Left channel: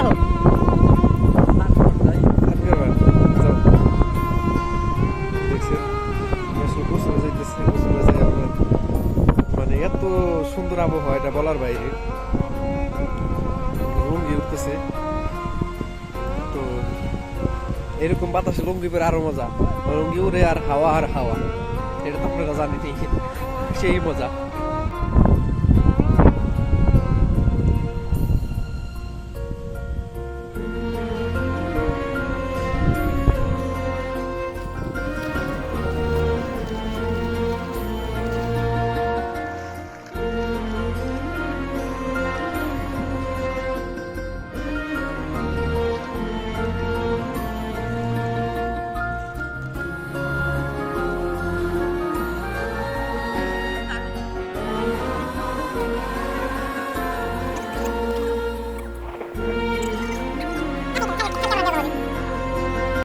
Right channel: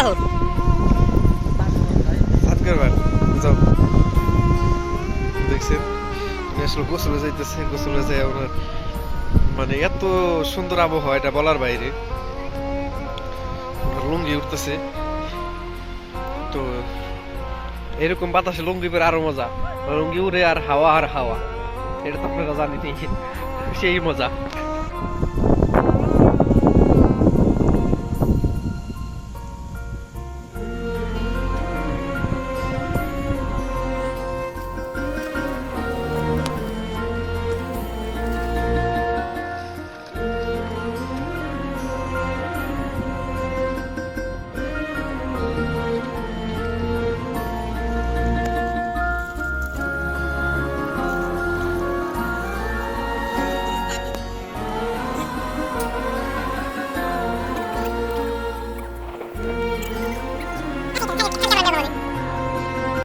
যাও। যাও। দেখছেন আসলে গোসলে যাইতেছে, গোসলে যাই ওনার মানে এত সুন্দর আবহাওয়া, এটা বলার বাইরে। লুঙ্গি উঠতেছে। তো এরকম বাতাসে লুঙ্গি পরে আরও মজা। লুঙ্গি উড়ে আর হাওয়া আর হাওয়া। এটা তো আপনারা জানিতেই, সেই মজা।